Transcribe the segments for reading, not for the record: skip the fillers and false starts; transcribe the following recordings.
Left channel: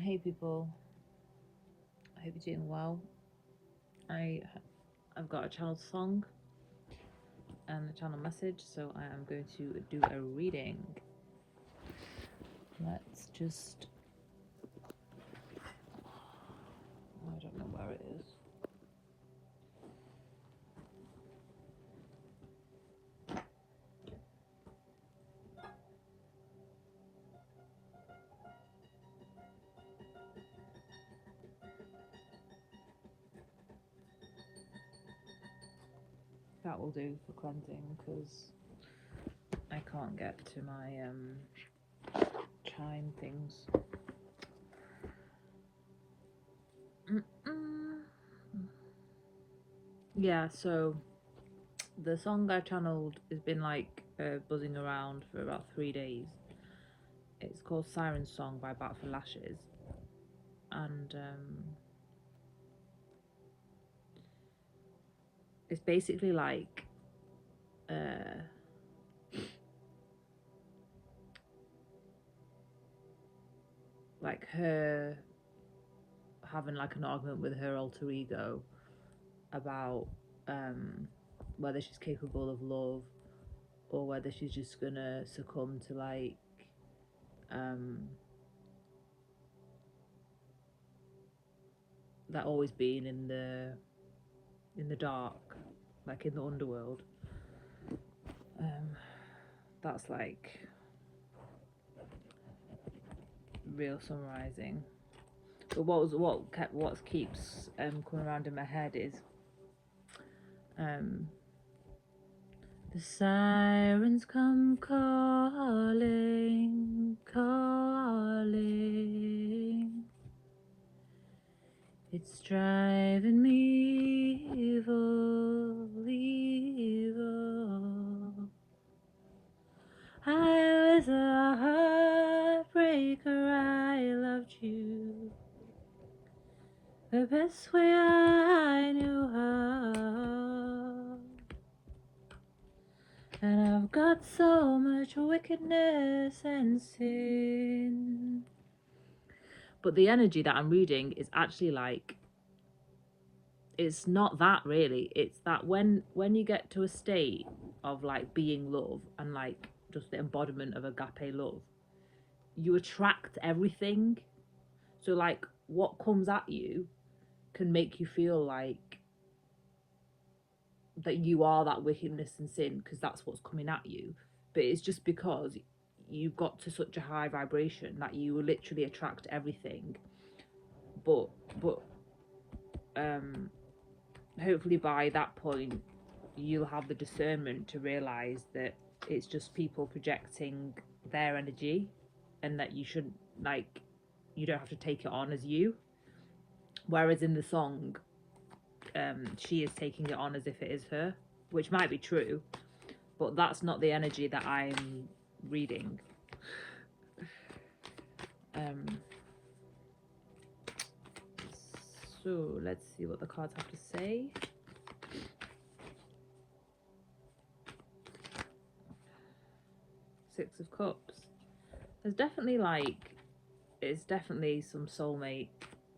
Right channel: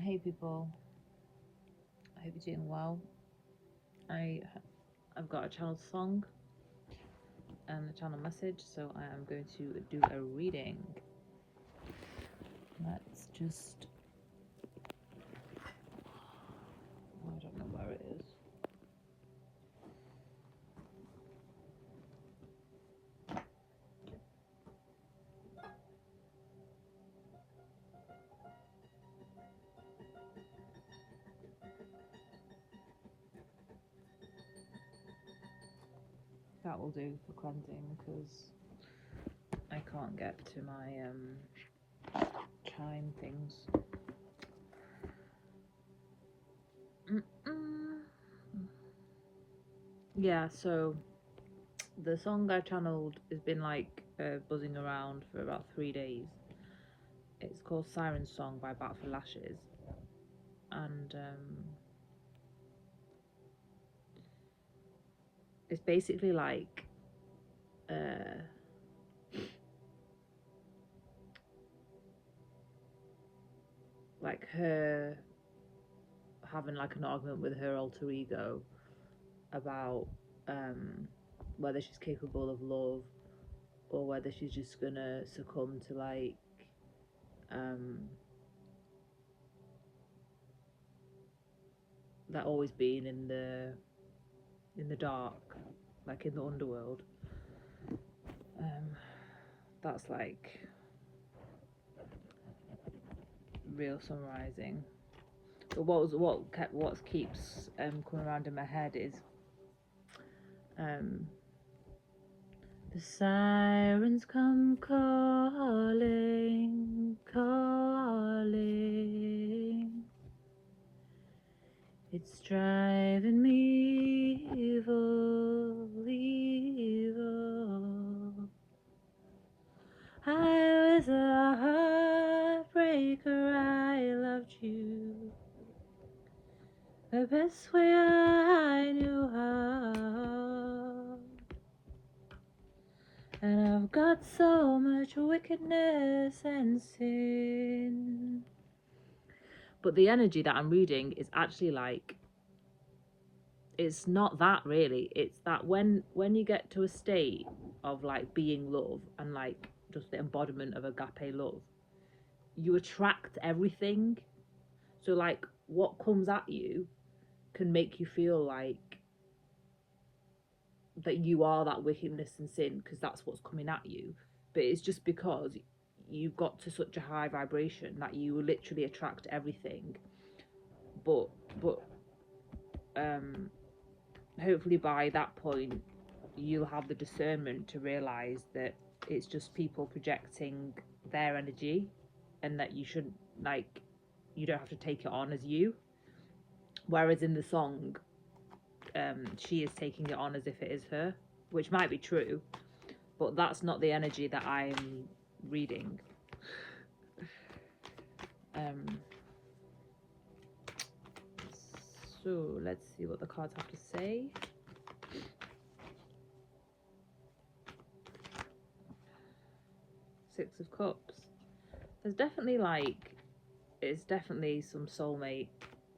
Hey people, I hope you're doing well. I've got a channel song and a channel message, so I am going to do a reading. Let's just, I don't know where it is. That will do for cleansing because I can't get to my chime things. Yeah, so the song I've channeled has been like buzzing around for about 3 days. It's called Siren Song by Bat for Lashes, and it's basically like her having like an argument with her alter ego about whether she's capable of love or whether she's just gonna succumb to like that always being in the dark, like in the underworld. That's like real summarizing. But what keeps coming around in my head is the sirens come calling, calling. It's driving me evil, evil. I was a heartbreaker, I loved you the best way I knew how. And I've got so much wickedness and sin. But the energy that I'm reading is actually like, it's not that really. It's that when you get to a state of like being love and like just the embodiment of agape love, you attract everything. So like what comes at you can make you feel like that you are that wickedness and sin because that's what's coming at you. But it's just because you've got to such a high vibration that you will literally attract everything. But hopefully by that point you'll have the discernment to realize that it's just people projecting their energy and that you shouldn't, like, you don't have to take it on as you. Whereas in the song, she is taking it on as if it is her, which might be true, but that's not the energy that I'm reading. So let's see what the cards have to say. Six of Cups. There's definitely like, it's definitely some soulmate,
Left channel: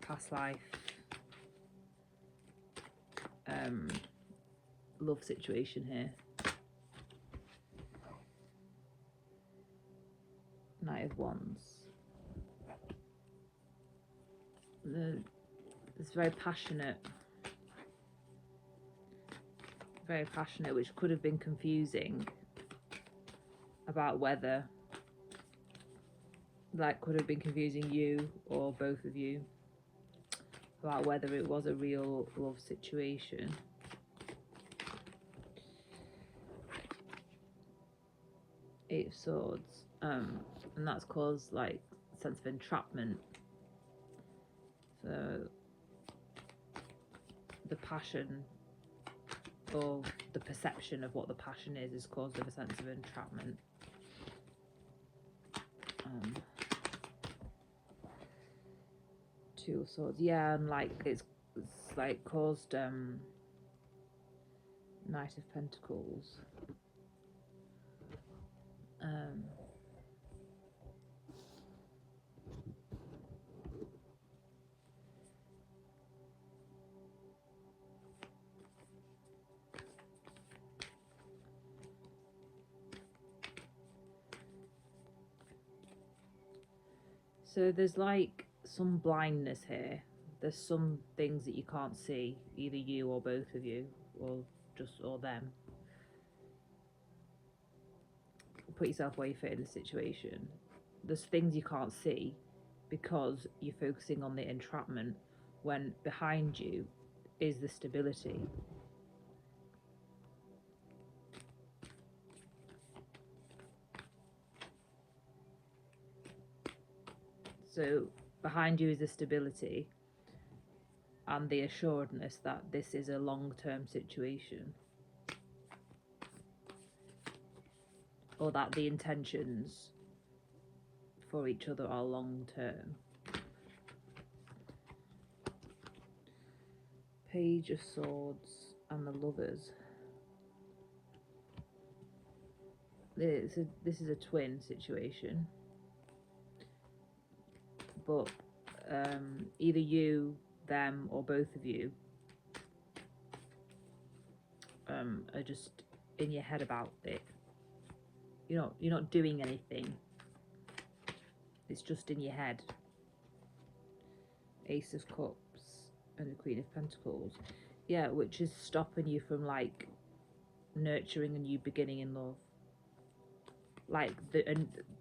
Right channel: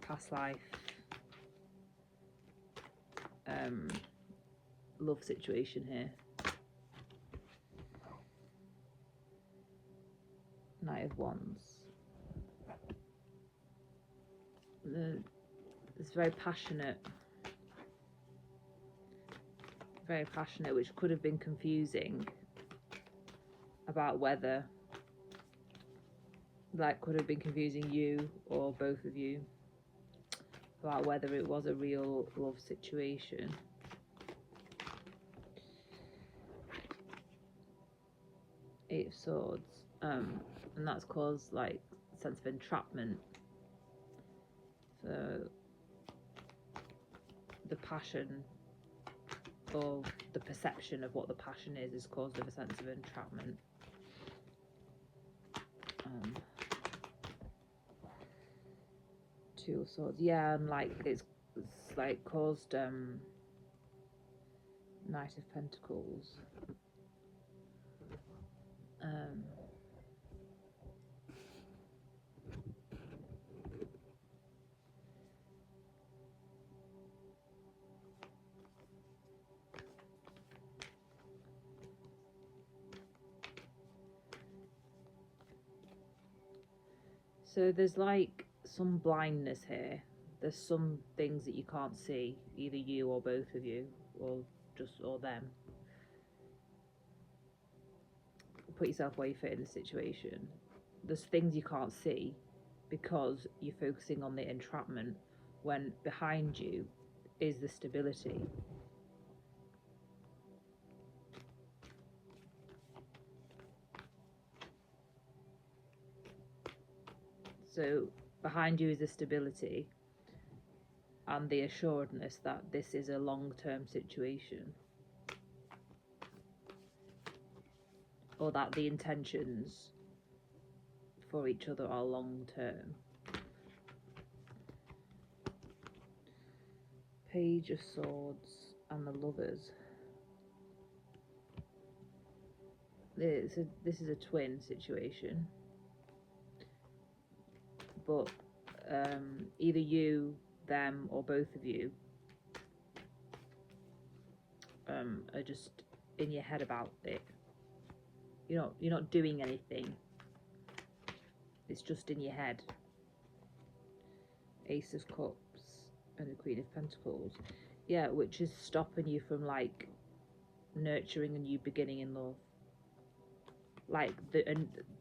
past life, love situation here. Knight of Wands. It's very passionate, which could have been confusing about whether, like, could have been confusing you or both of you about whether it was a real love situation. Eight of Swords, and that's caused like a sense of entrapment. So the passion, or the perception of what the passion is caused with a sense of entrapment. Two of Swords, yeah, and like it's like caused Knight of Pentacles. So there's like some blindness here. There's some things that you can't see, either you or both of you, or or them. Put yourself where you fit in the situation. There's things you can't see because you're focusing on the entrapment when behind you is the stability. So behind you is the stability and the assuredness that this is a long-term situation, or that the intentions for each other are long-term. Page of Swords and the Lovers. This is a twin situation, but either you, them, or both of you are just in your head about it. You're not doing anything. It's just in your head. Ace of Cups and the Queen of Pentacles. Yeah, which is stopping you from like nurturing a new beginning in love. Like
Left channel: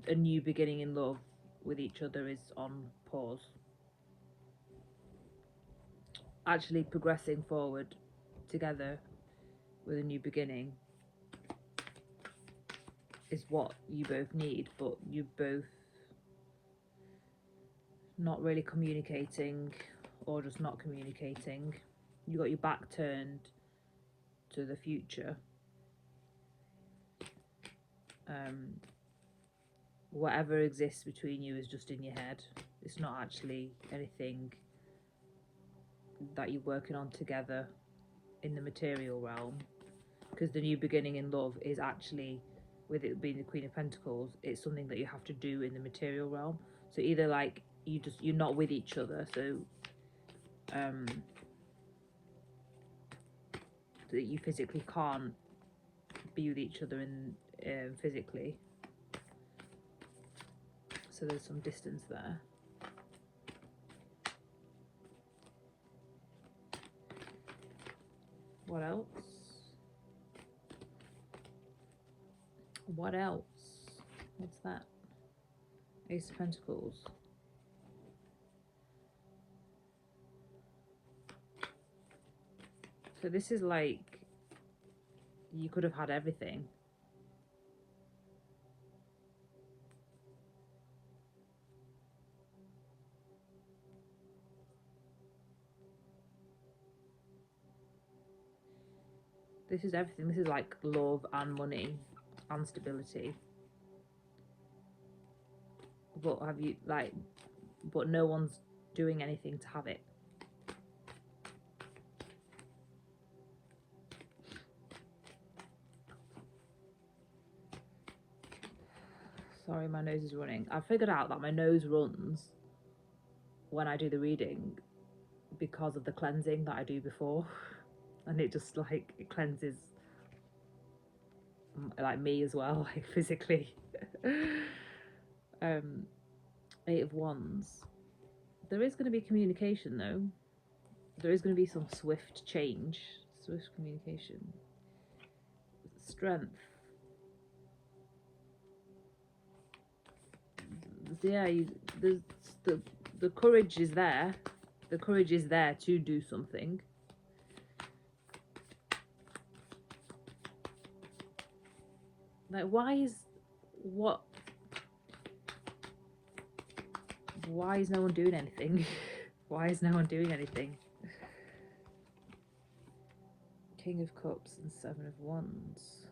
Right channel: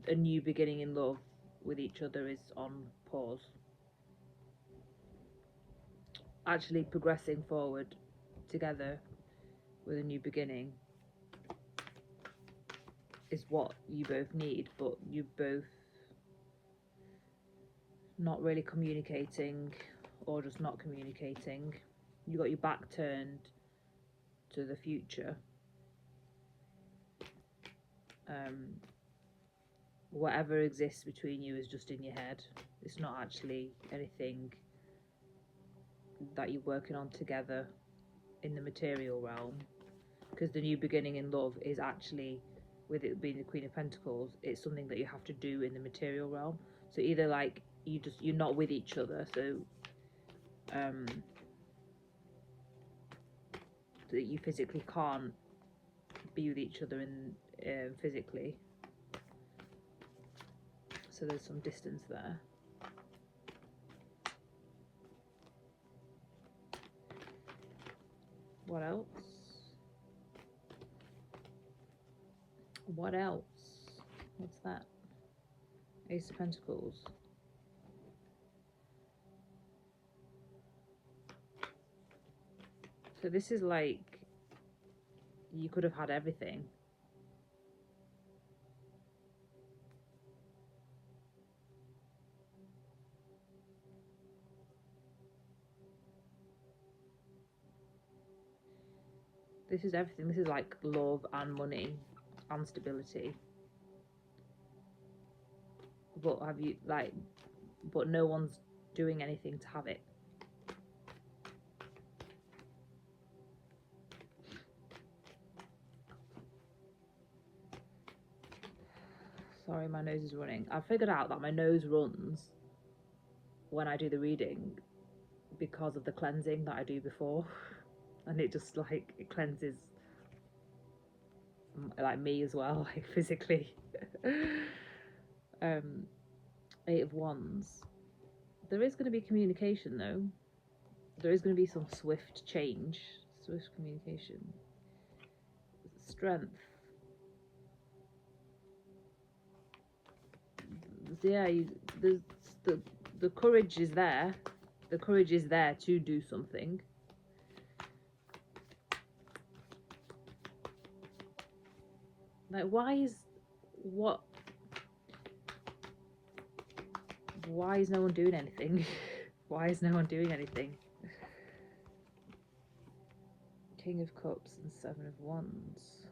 a new beginning in love with each other is on pause. Actually progressing forward together with a new beginning is what you both need, but you both not really communicating, or just not communicating. You got your back turned to the future. Whatever exists between you is just in your head. It's not actually anything that you're working on together in the material realm, because the new beginning in love is actually, with it being the Queen of Pentacles, it's something that you have to do in the material realm. So either like you're not with each other, so that you physically can't be with each other in physically, so there's some distance there. What else? What else? What's that? Ace of Pentacles. So this is like, you could have had everything. This is everything. This is like love and money and stability. But have you but no one's doing anything to have it. Sorry, my nose is running. I figured out that my nose runs when I do the reading because of the cleansing that I do before. And it just like, it cleanses like me as well, like physically. Eight of Wands. There is going to be communication though. There is going to be some swift change, swift communication. Strength. Yeah, the courage is there. The courage is there to do something. Like, why is no one doing anything? Why is no one doing anything? King of Cups and Seven of Wands.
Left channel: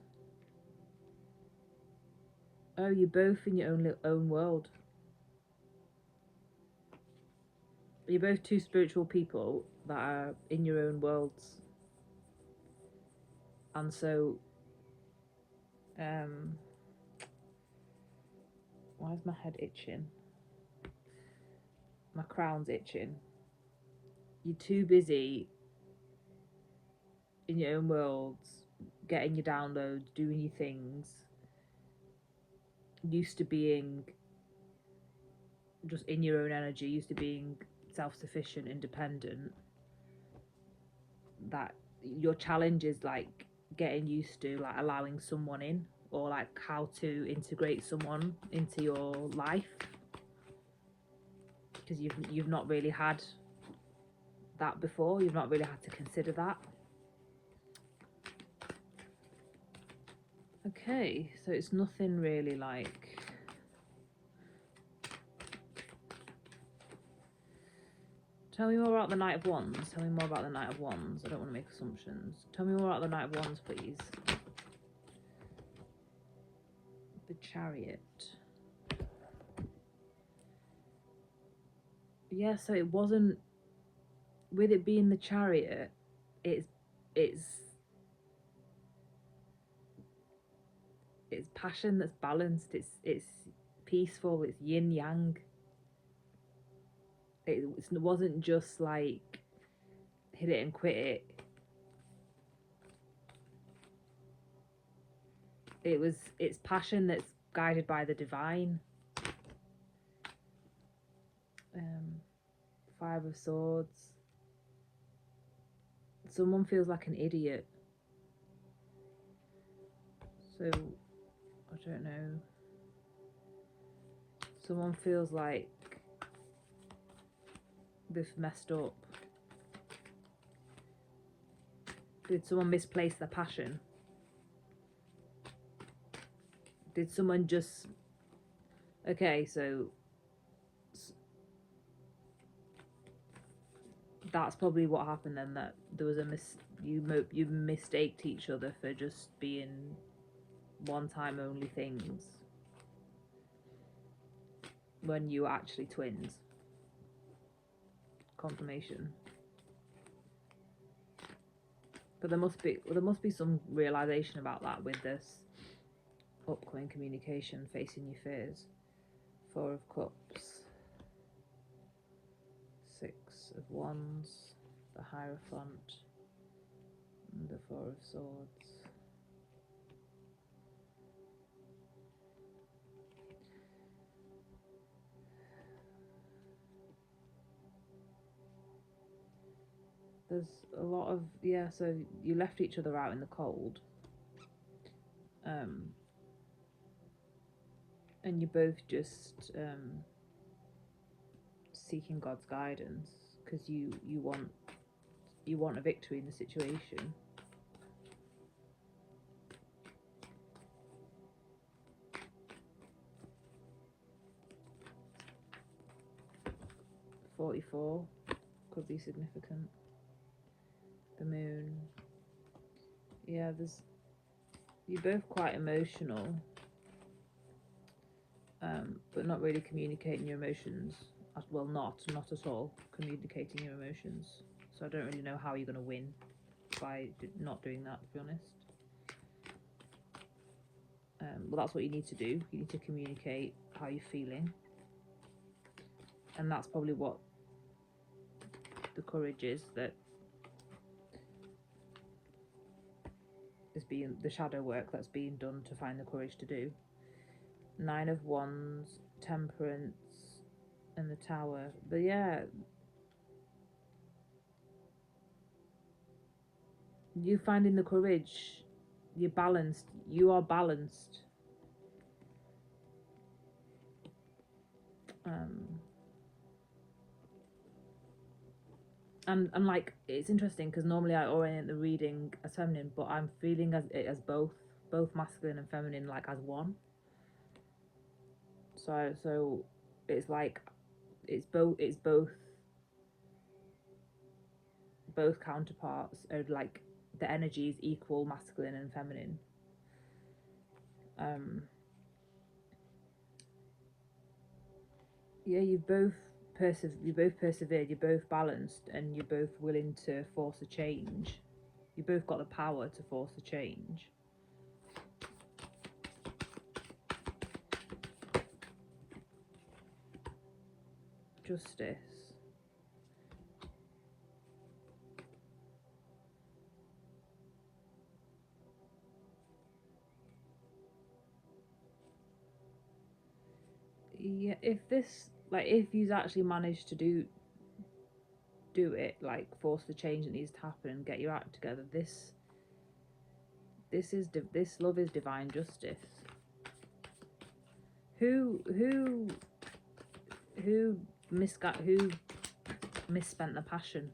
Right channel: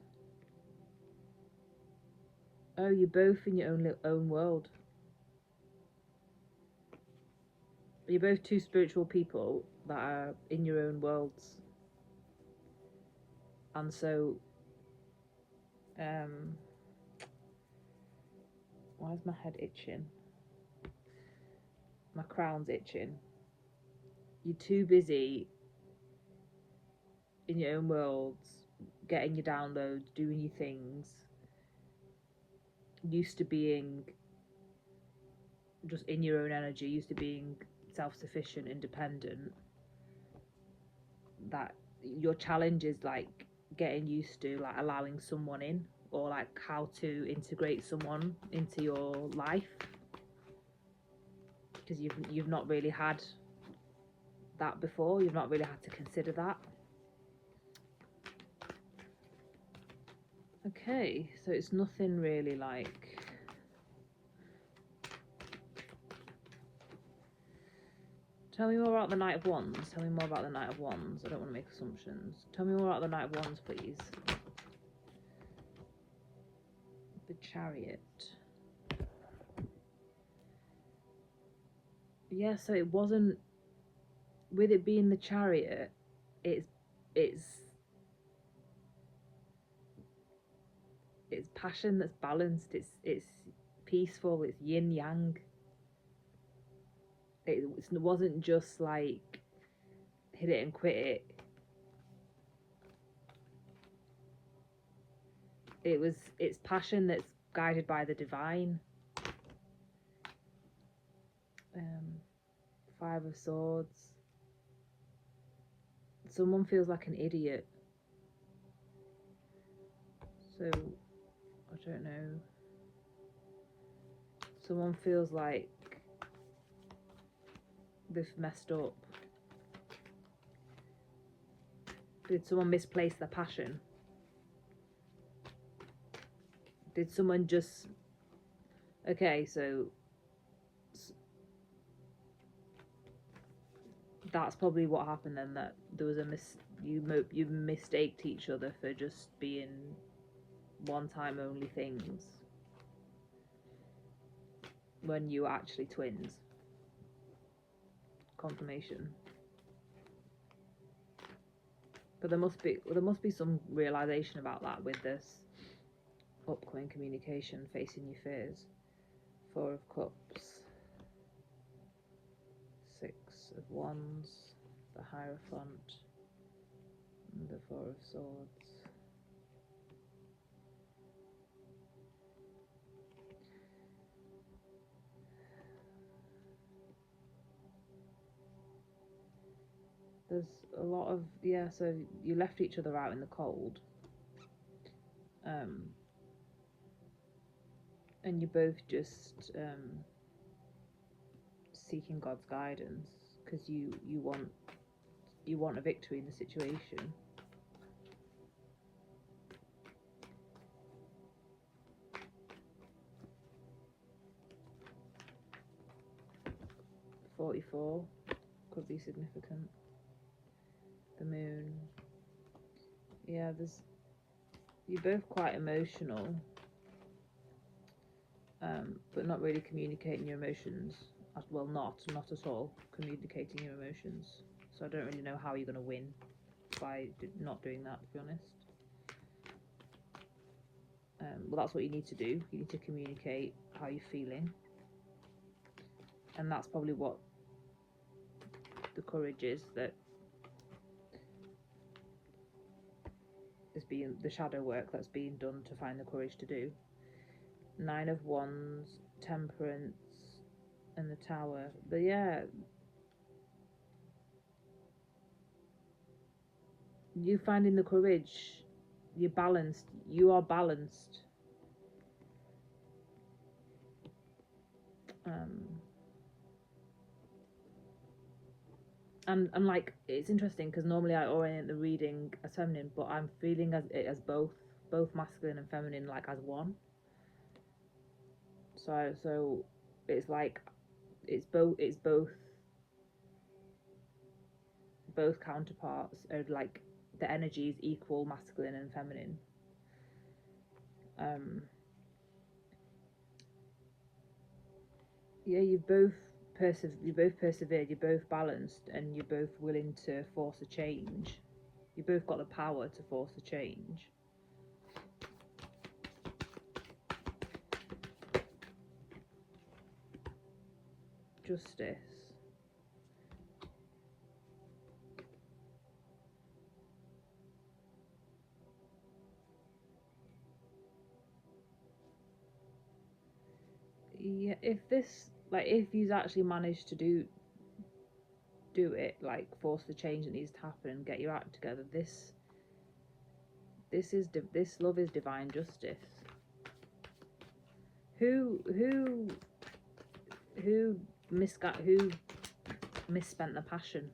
Oh, you're both in your own world. You're both two spiritual people that are in your own worlds. And so, why is my head itching? My crown's itching. You're too busy in your own worlds, getting your downloads, doing your things, used to being just in your own energy, used to being self-sufficient, independent, that your challenge is like getting used to like allowing someone in, or like how to integrate someone into your life, because you've not really had that before. You've not really had to consider that. Okay, so it's nothing really like, tell me more about the Knight of Wands. Tell me more about the Knight of Wands. I don't want to make assumptions. Tell me more about the Knight of Wands, please. The Chariot. Yeah, so it wasn't, with it being the Chariot, it's passion that's balanced. It's peaceful. It's yin yang. It wasn't just like hit it and quit it. It's passion that's guided by the divine. 5 of Swords. Someone feels like an idiot. So, I don't know. Someone feels like they've messed up. Did someone misplace their passion? Did someone just... Okay, so that's probably what happened then, that there was a you mistaked each other for just being one-time only things when you were actually twins. Confirmation. But there must be some realization about that with this upcoming communication, facing your fears. 4 of Cups, 6 of Wands, the Hierophant, and the 4 of Swords. There's a lot of, yeah, so you left each other out in the cold. And you're both just seeking God's guidance, because you want a victory in the situation. .44 could be significant. The Moon. Yeah, you're both quite emotional, but not really communicating your emotions. Well, not at all communicating your emotions. So I don't really know how you're going to win by not doing that, to be honest. Well, that's what you need to do. You need to communicate how you're feeling, and that's probably what the courage is that is being, the shadow work that's being done to find the courage to do. 9 of Wands, Temperance, and the Tower. But yeah, you finding the courage, you're balanced. You are balanced. And like, it's interesting because normally I orient the reading as feminine, but I'm feeling as both masculine and feminine, like as one. So it's like it's both counterparts of, like, the energy is equal, masculine and feminine. Yeah, you both persevered, you're both balanced, and you're both willing to force a change. You both got the power to force a change. Justice. Yeah, if this like if you actually manage to do it, like force the change that needs to happen and get your act together, this love is divine justice. Who misspent the passion?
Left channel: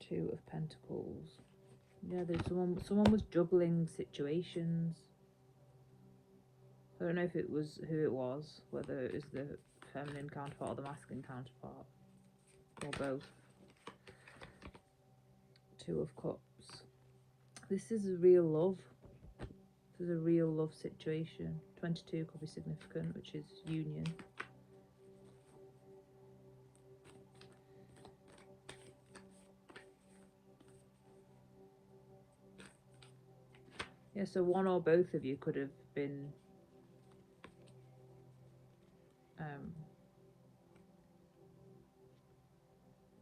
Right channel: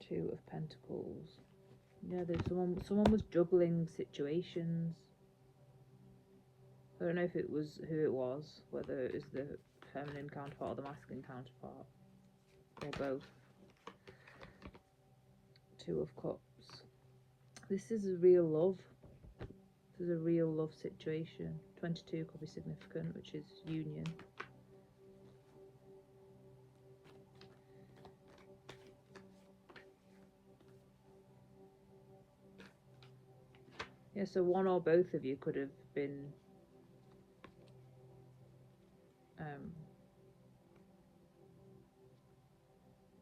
Two of Pentacles. Yeah, there's someone was juggling situations. I don't know if it was who it was, whether it was the feminine counterpart or the masculine counterpart, or both. Two of Cups. This is a real love. This is a real love situation. 22 could be significant, which is union. Yeah, so one or both of you could have been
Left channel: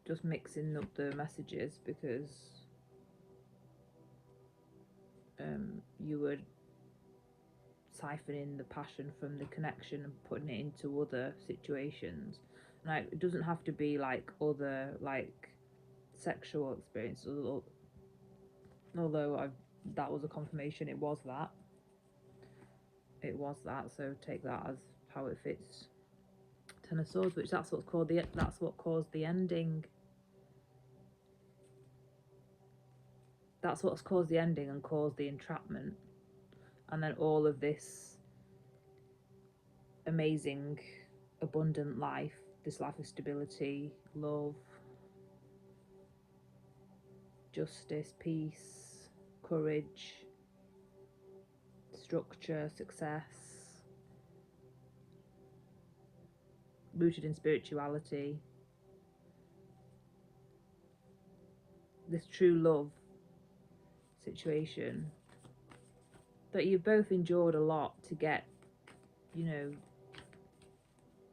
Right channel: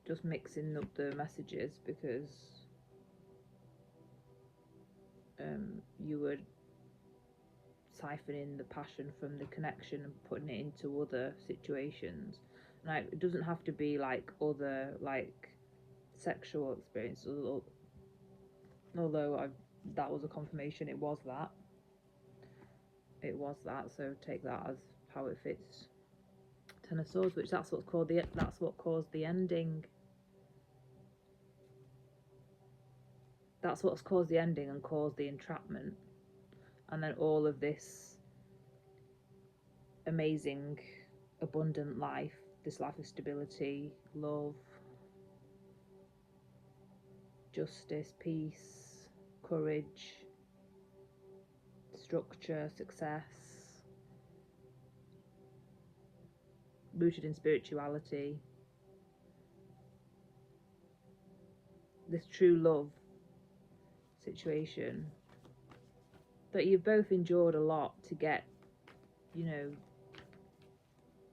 just mixing up the messages, because you were siphoning the passion from the connection and putting it into other situations. Like, it doesn't have to be like other, like, sexual experiences, although that was a confirmation. It was that, so take that as how it fits. Ten of Swords, which that's what caused the ending. That's what's caused the ending and caused the entrapment. And then all of this amazing, abundant life, this life of stability, love, justice, peace, courage, structure, success, rooted in spirituality, this true love situation that you've both endured a lot to get, you know,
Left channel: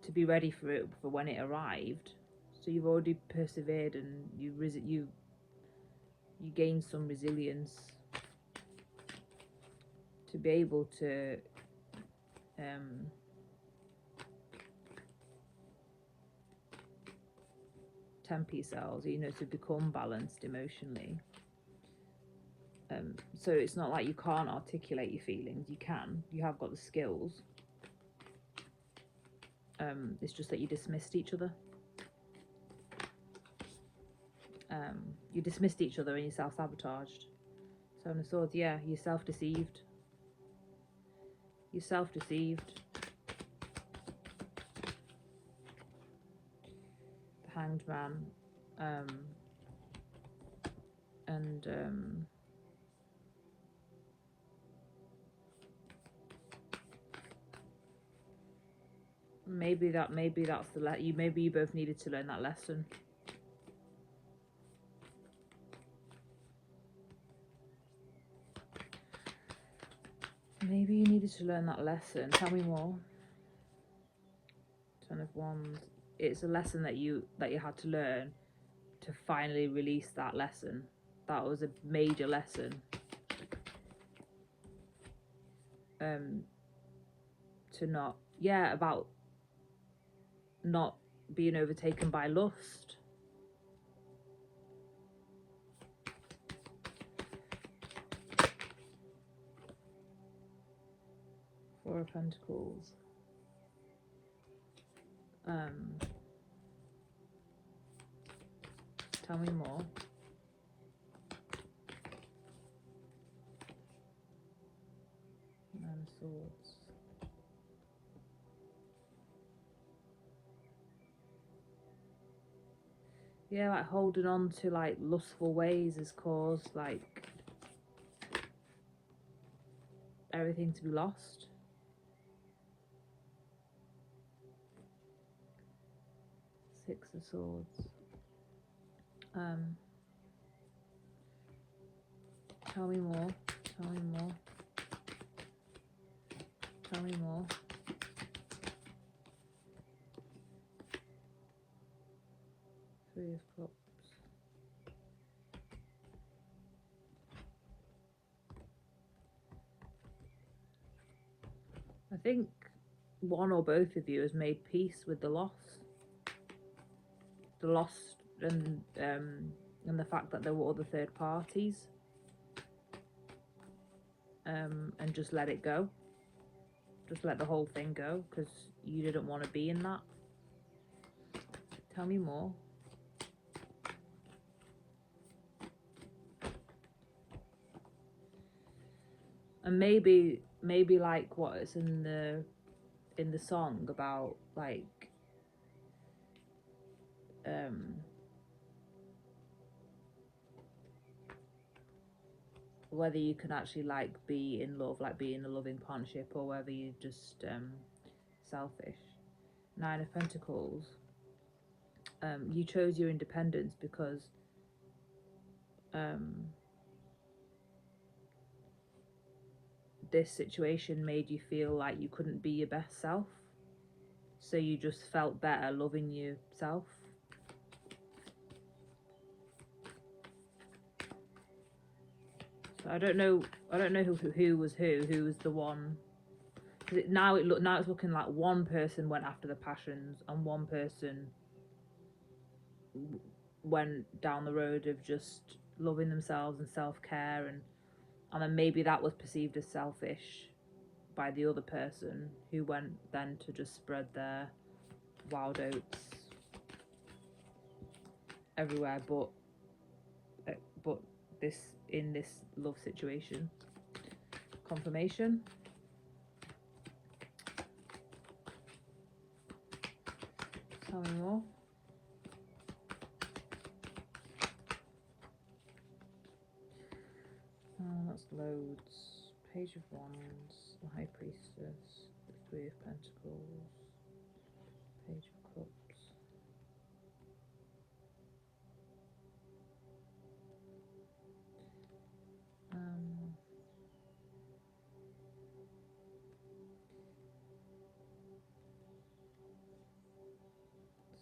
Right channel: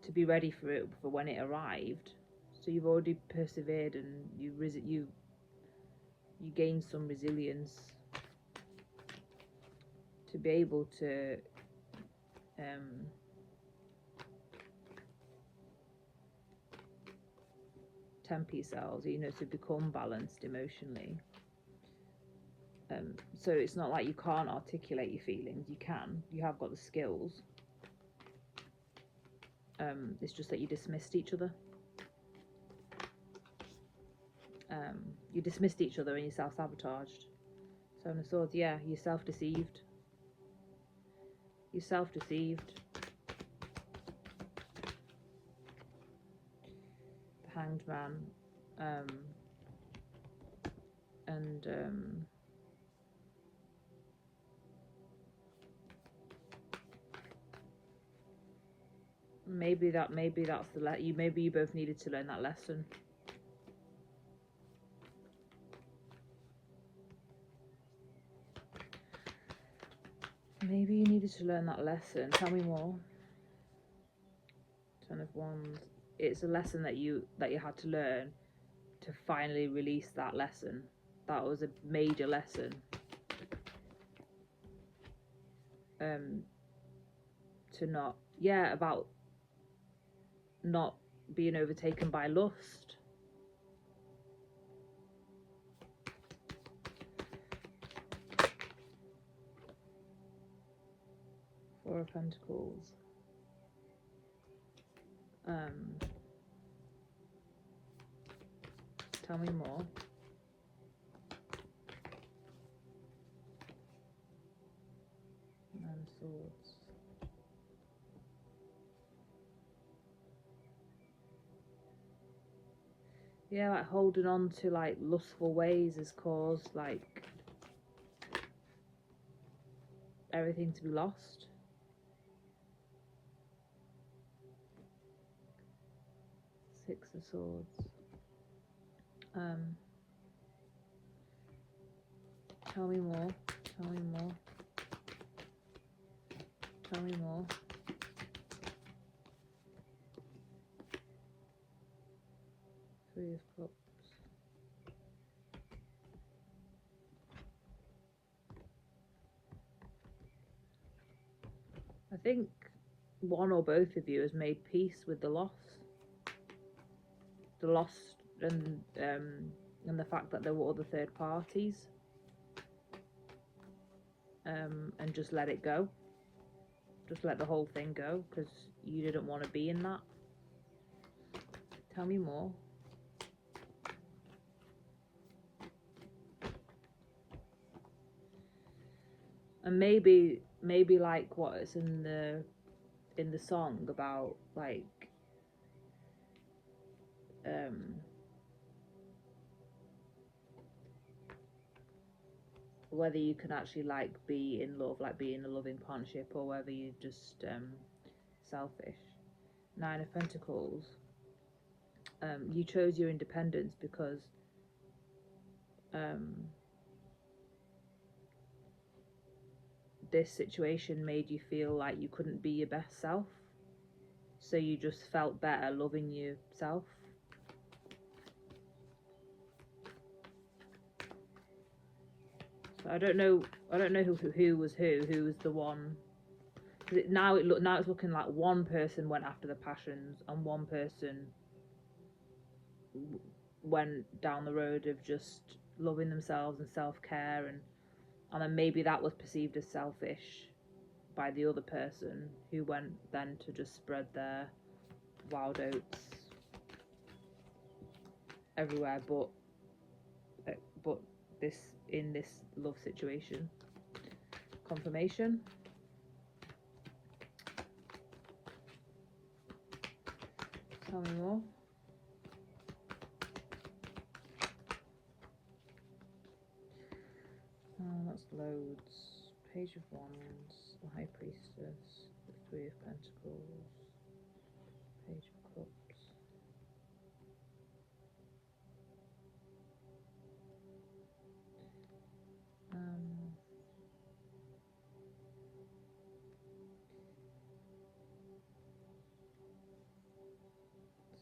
to be ready for it, for when it arrived. So you've already persevered, and you gained some resilience to be able to temper yourselves, you know, to become balanced emotionally. So it's not like you can't articulate your feelings. You can. You have got the skills. It's just that you dismissed each other. You dismissed each other and you self-sabotaged. Seven of Swords, yeah, you're self-deceived. You're self-deceived. The Hanged Man. Maybe that's the maybe you both needed to learn that lesson. Maybe you needed to learn that lesson. Tell me more. Ten of Wands. It's a lesson that you had to learn to finally release that lesson. That was a major lesson. To not, yeah, about not being overtaken by lust. Four of Pentacles. Tell me more. Nine of Swords. Yeah, like holding on to like lustful ways has caused like everything to be lost. Six of Swords. Tell me more. Tell me more. Tell me more. Three of Cups. I think one or both of you has made peace with the loss. The loss and the fact that there were other third parties. And just let it go. Just let the whole thing go, because you didn't want to be in that. Tell me more. And maybe like what is in the song about, like, whether you can actually like be in love, like be in a loving partnership, or whether you're just selfish. 9 of Pentacles. You chose your independence because this situation made you feel like you couldn't be your best self, so you just felt better loving yourself. So I don't know who was the one. Now it's looking like one person went after the passions and one person went down the road of just loving themselves and self-care, and then maybe that was perceived as selfish by the other person, who went then to just spread their wild oats everywhere, but in this love situation. Confirmation. Tell me more. That's loads. Page of Wands, the High Priestess, the 3 of Pentacles, Page of Cups.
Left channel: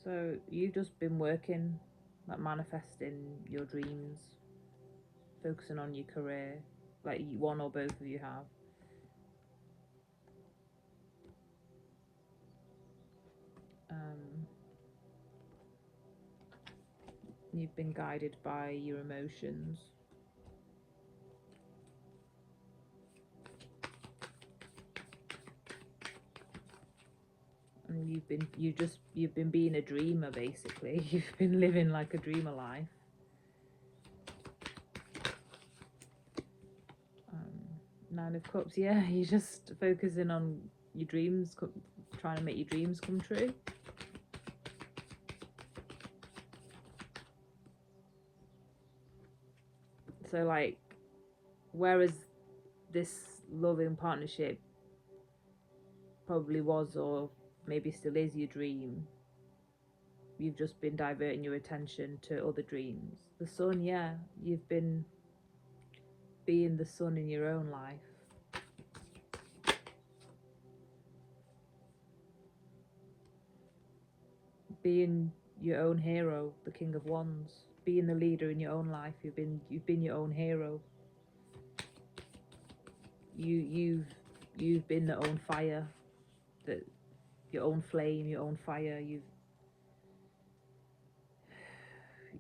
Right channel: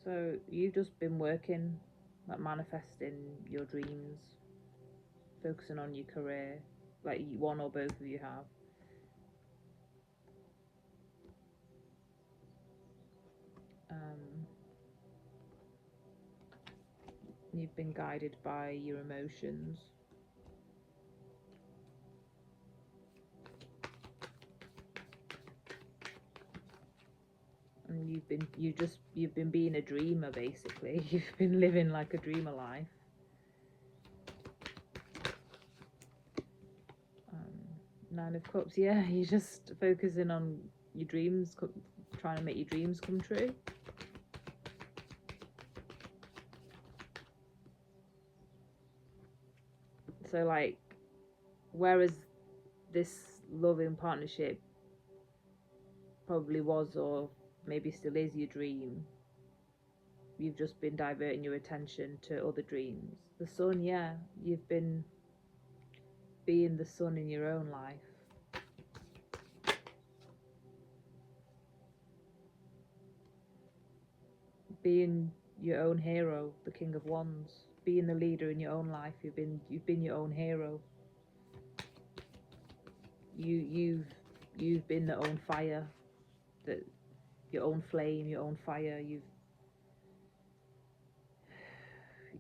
So you've just been working, like manifesting your dreams, focusing on your career, like one or both of you have. You've been guided by your emotions. And you've been being a dreamer, basically. You've been living like a dreamer life. 9 of Cups, yeah, you're just focusing on your dreams, trying to make your dreams come true. So like, whereas this loving partnership probably was, or maybe still is, your dream, you've just been diverting your attention to other dreams. The sun, yeah, you've been being the sun in your own life. Being your own hero, the King of Wands. Being the leader in your own life. You've been your own hero. You've been the own fire, your own flame, your own fire.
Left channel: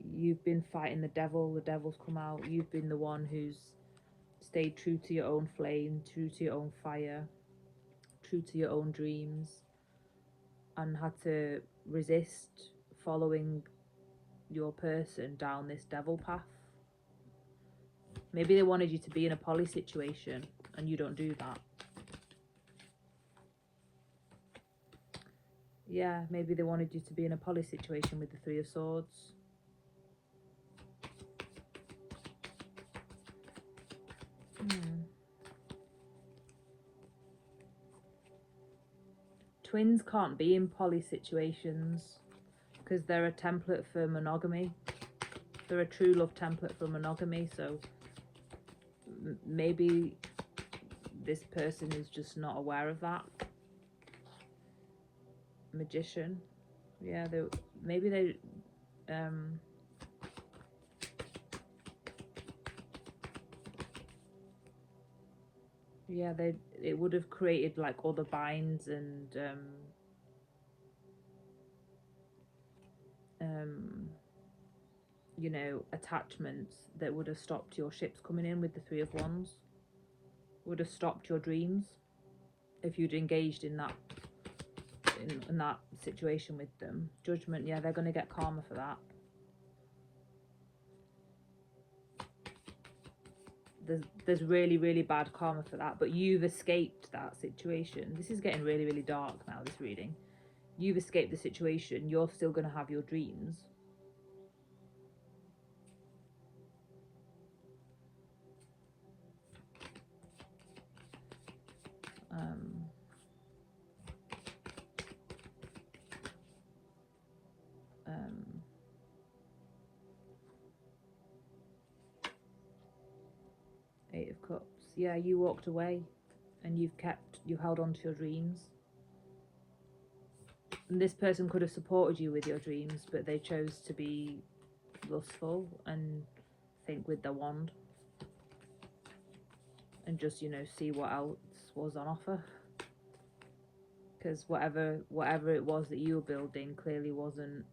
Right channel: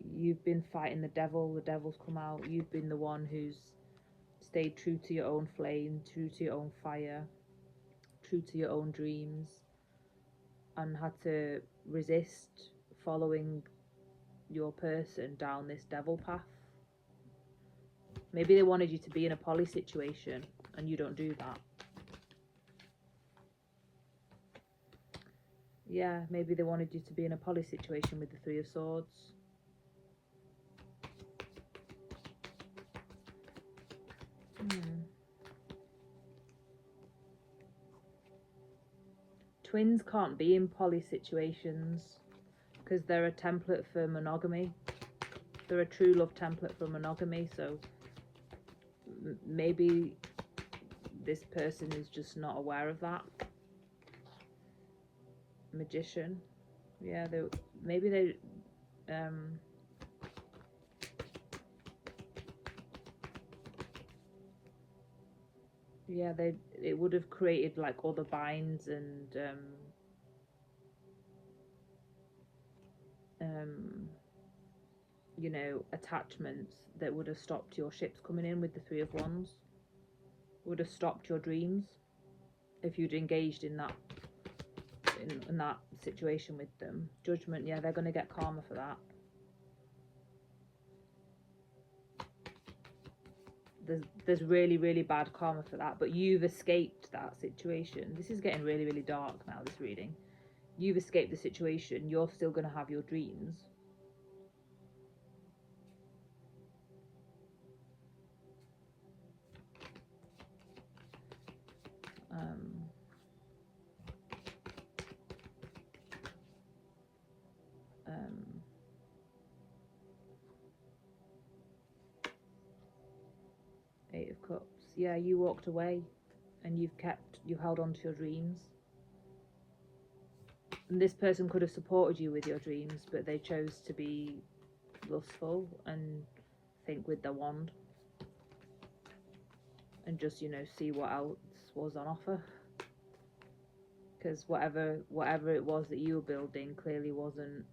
You've been fighting the devil. The devil's come out. You've been the one who's stayed true to your own flame, true to your own fire, true to your own dreams, and had to resist following your person down this devil path. Maybe they wanted you to be in a poly situation and you don't do that. Yeah, maybe they wanted you to be in a poly situation with the 3 of Swords. Twins can't be in poly situations because they're a template for monogamy. They're a true love template for monogamy, so maybe this person is just not aware of that. Magician. Yeah, maybe they Yeah, it would have created like other binds and you know, attachments that would have stopped your ships coming in with the Three of Wands. Would have stopped your dreams if you'd engaged in that in that situation with them. Judgment, yeah, they're going to get karma for that. There's really, really bad karma for that, but you've escaped that situation. This is getting really, really dark now, this reading. You've escaped the situation. You're still going to have your dreams. Eight of Cups. Yeah, you walked away and you held on to your dreams. And this person could have supported you with your dreams, but they chose to be lustful and think with their wand. And just, you know, see what else was on offer. Because whatever it was that you were building clearly wasn't.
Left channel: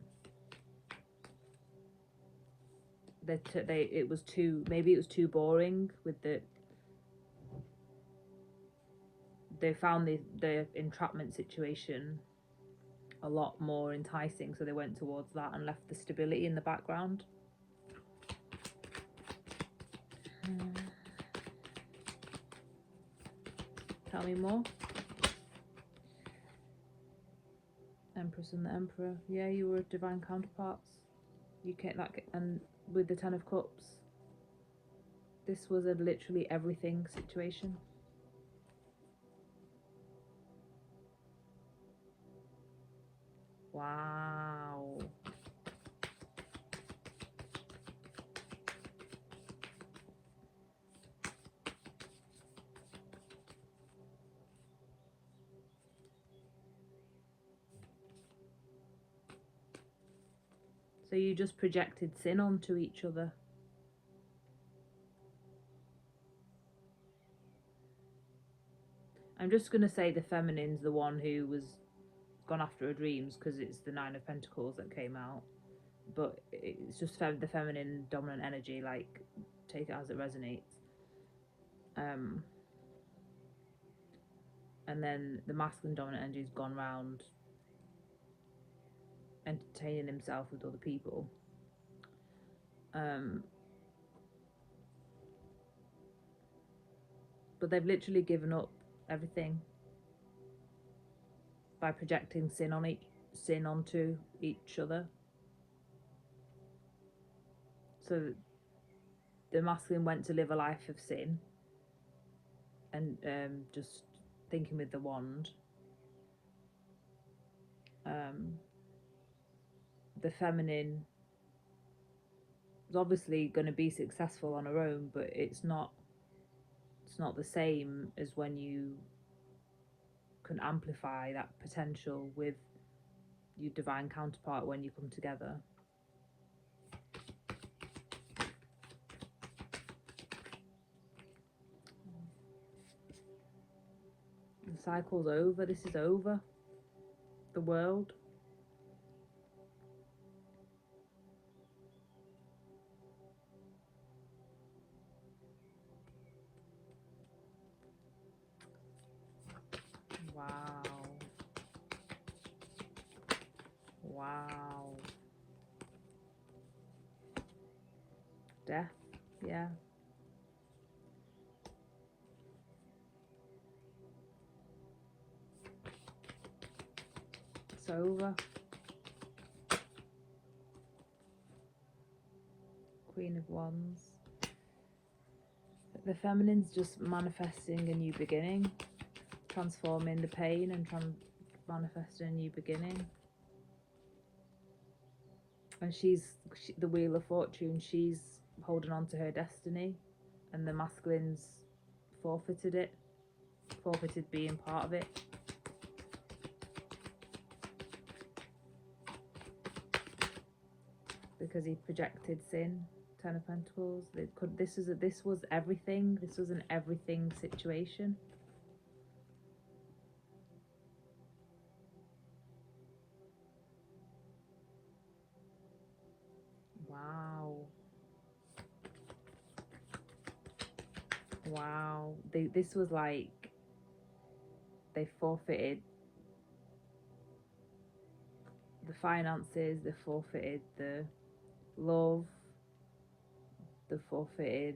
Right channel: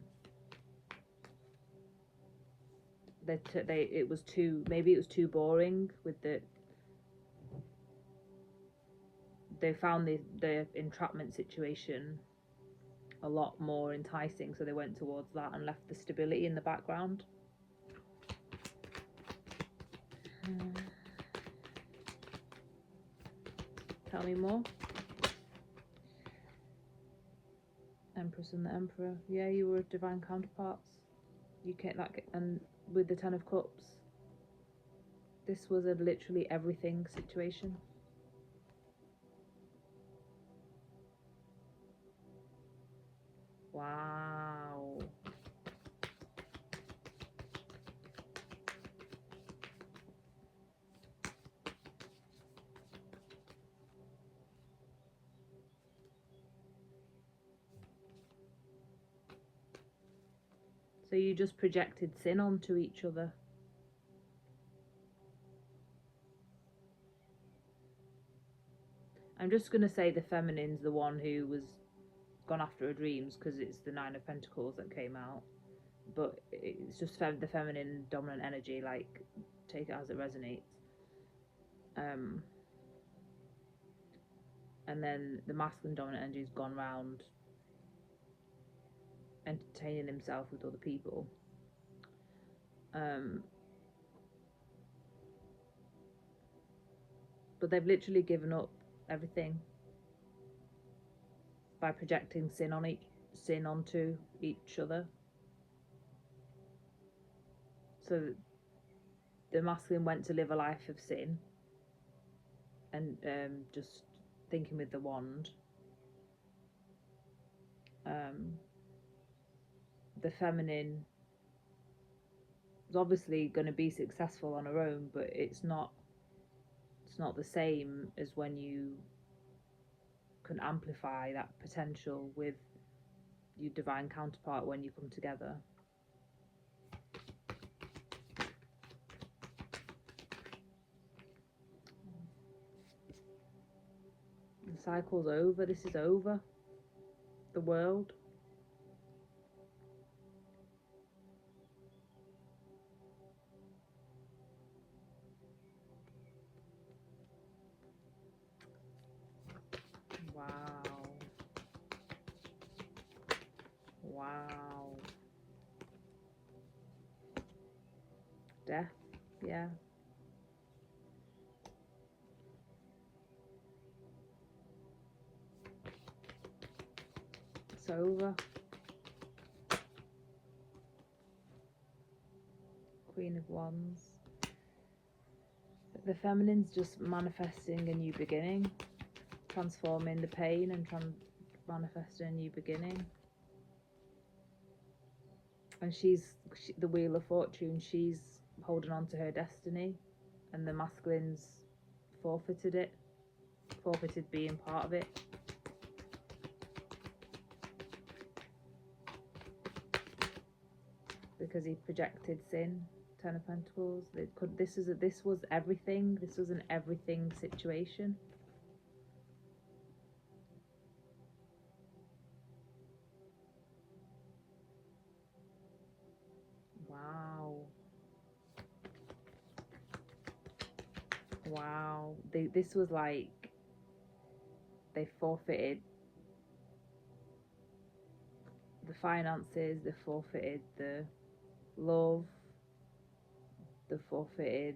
It was too, maybe it was too boring with the. They found the entrapment situation a lot more enticing, so they went towards that and left the stability in the background. Tell me more. Empress and the Emperor. Yeah, you were divine counterparts. You can't like, and with the Ten of Cups, this was a literally everything situation. Wow. So you just projected sin onto each other. I'm just going to say the feminine's the one who was gone after her dreams because it's the Nine of Pentacles that came out. But it's just the feminine dominant energy, like, take it as it resonates. And then the masculine dominant energy has gone round entertaining himself with other people. But they've literally given up everything by projecting sin onto each other. So the masculine went to live a life of sin and just thinking with the wand. The feminine is obviously going to be successful on her own, but it's not the same as when you can amplify that potential with your divine counterpart when you come together. The cycle's over. This is over. The World. Wow. Wow. Death, yeah. It's over. Queen of Wands. The feminine's just manifesting a new beginning, transforming the pain and manifesting a new beginning. And she's the Wheel of Fortune. She's holding on to her destiny, and the masculine's forfeited being part of it. Because he projected sin Ten of Pentacles. This was everything. This was an everything situation. Wow. Wow. This was like they forfeited the finances, they forfeited the love, they forfeited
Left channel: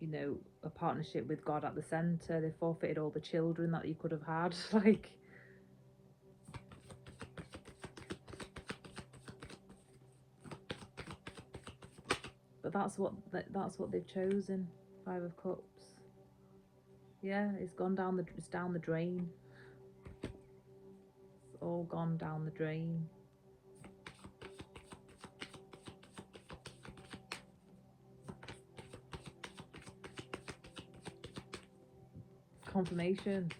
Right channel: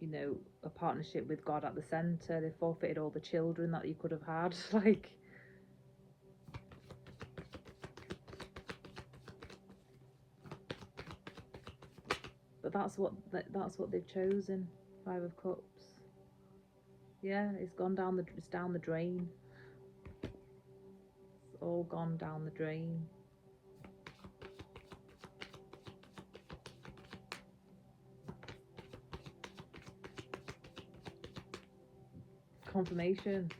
you know, a partnership with God at the center. They forfeited all the children that you could have had. Like, but that's what they've chosen. Five of Cups. Yeah, it's down the drain. It's all gone down the drain. Confirmation.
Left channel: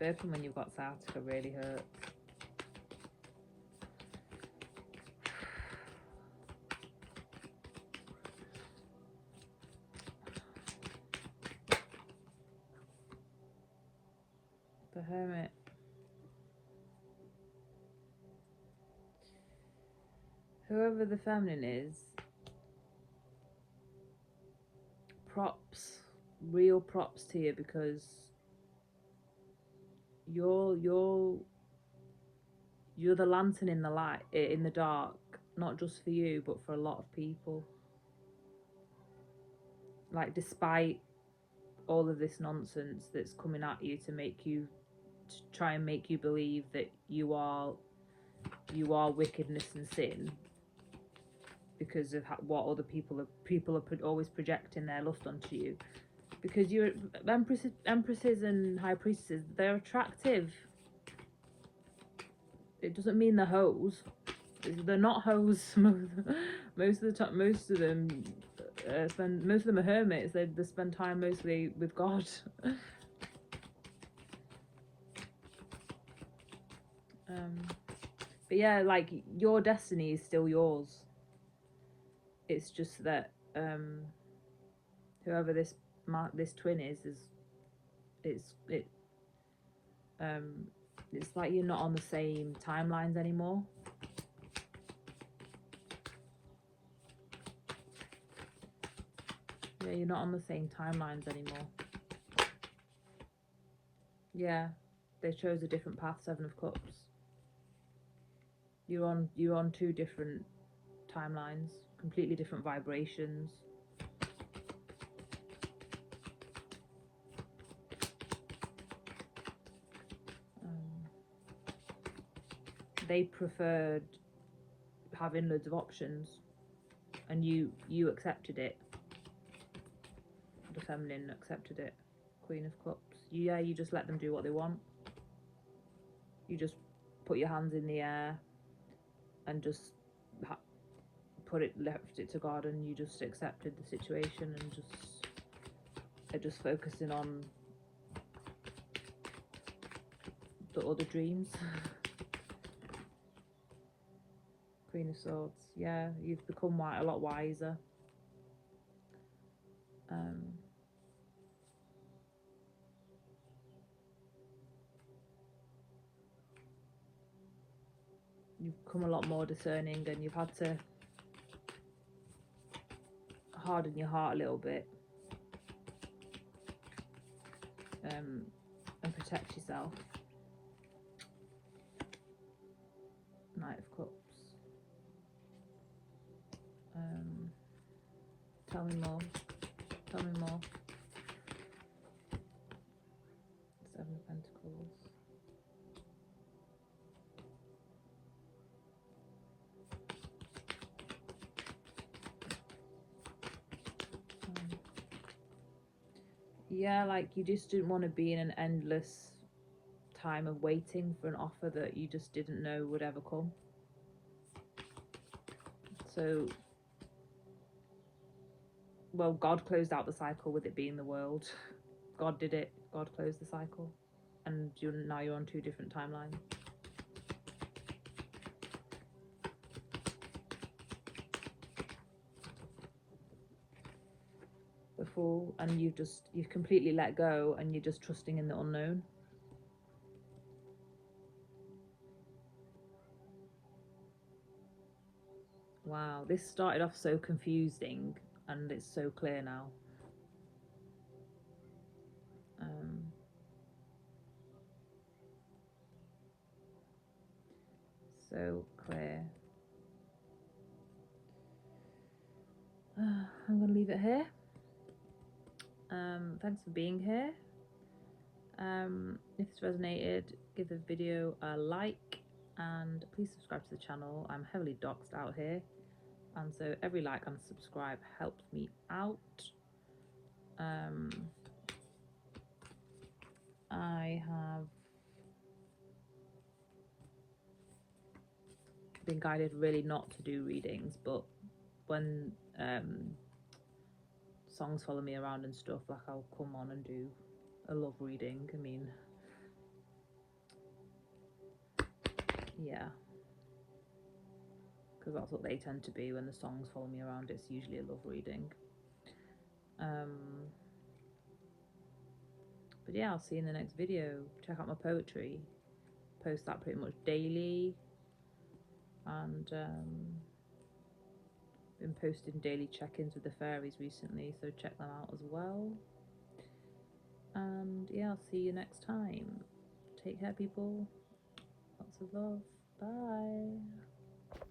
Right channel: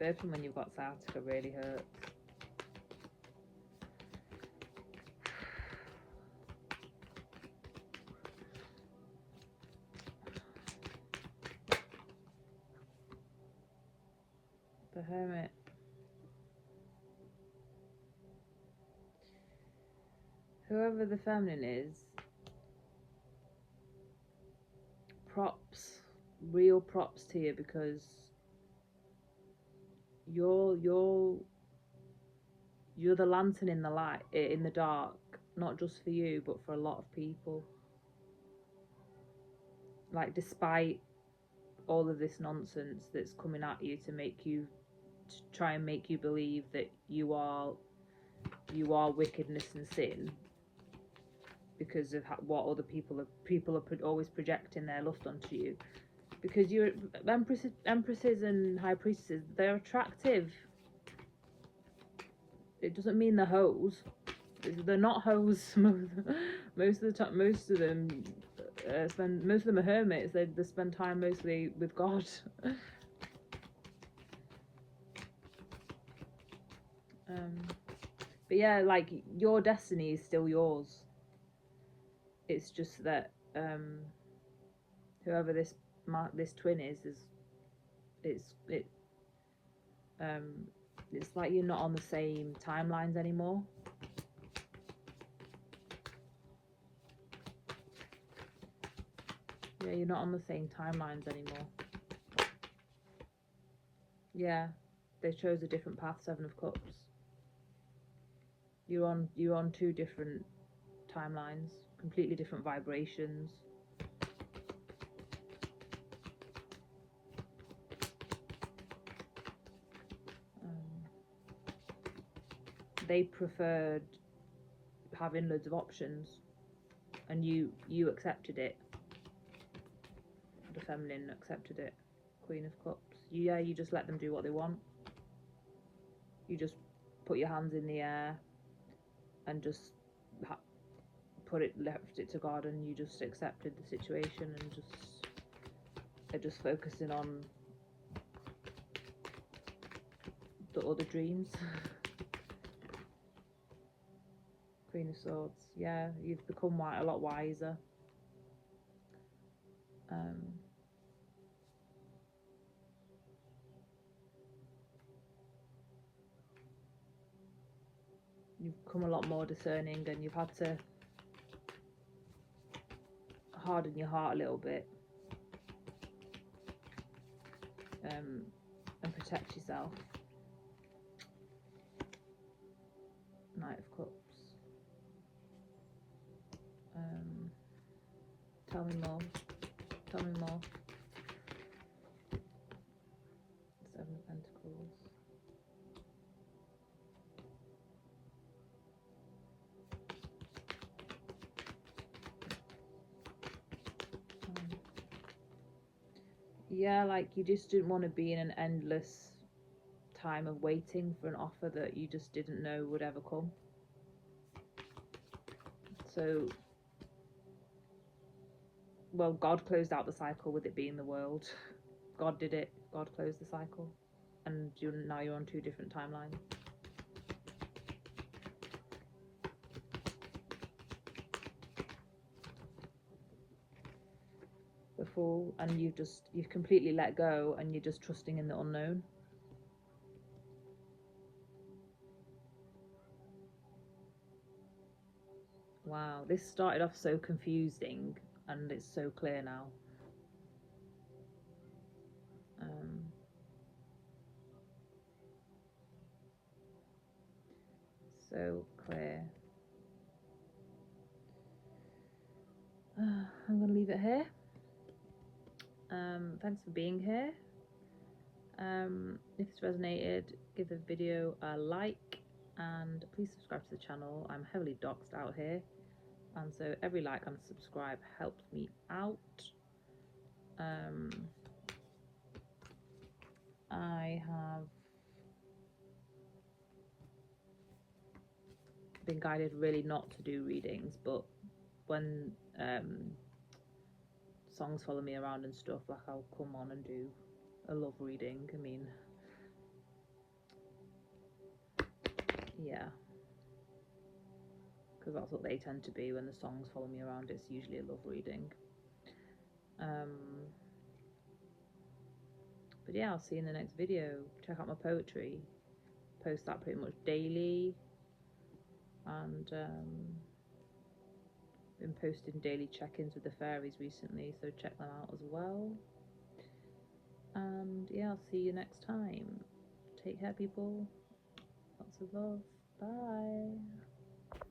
Burping when you've got sciatica really hurts. The Hermit. Whoever the feminine is, props, real props to you, because you're the lantern in the light, in the dark, not just for you but for a lot of people. Like, despite all of this nonsense that's coming at you to try and make you believe that you are wickedness and sin, because of what other people are always projecting their lust onto you. Because you're empresses and high priestesses, they're attractive. It doesn't mean they're hoes. They're not hoes. Most of them are hermits. They spend time mostly with God. But yeah, like, your destiny is still yours. It's just that whoever this twin is it's like you're not on the same timelines anymore. Yeah, you're not on the same timelines anymore. Yeah, they chose a different path. Seven of Cups. You're on two different timelines, completely different vibrations. They preferred having loads of options, and you accepted it. The feminine accepted it. Queen of Cups. Yeah, you just let them do what they want. You just put your hands in the air and just left it to God, and you just accepted the situation, and they're just focusing on the other dreams. Queen of Swords. Yeah, you've become a lot wiser. You've become a lot more discerning, and you've had to harden your heart a little bit, and protect yourself. Knight of Cups. Tell me more. Tell me more. Seven of Pentacles. Yeah, like, you just didn't want to be in an endless time of waiting for an offer that you just didn't know would ever come. So, well, God closed out the cycle with it being the world. God did it. God closed the cycle, and now you're on 2 different timelines. The Fool, and you've completely let go, and you're just trusting in the unknown. Wow, this started off so confusing, and it's so clear now. So clear. I'm going to leave it here. Thanks for being here. If this resonated, give the video a like, and please subscribe to the channel. I'm heavily doxed out here, and so every like and subscribe helps me out. I have been guided really not to do readings, but when songs follow me around and stuff, like I'll come on and do a love reading. I mean, yeah, because that's what they tend to be when the songs follow me around. It's usually a love reading. But yeah, I'll see you in the next video. Check out my poetry. Post that pretty much daily, and been posting daily check-ins with the fairies recently, so check them out as well. And yeah, I'll see you next time. Take care, people. Lots of love. Bye.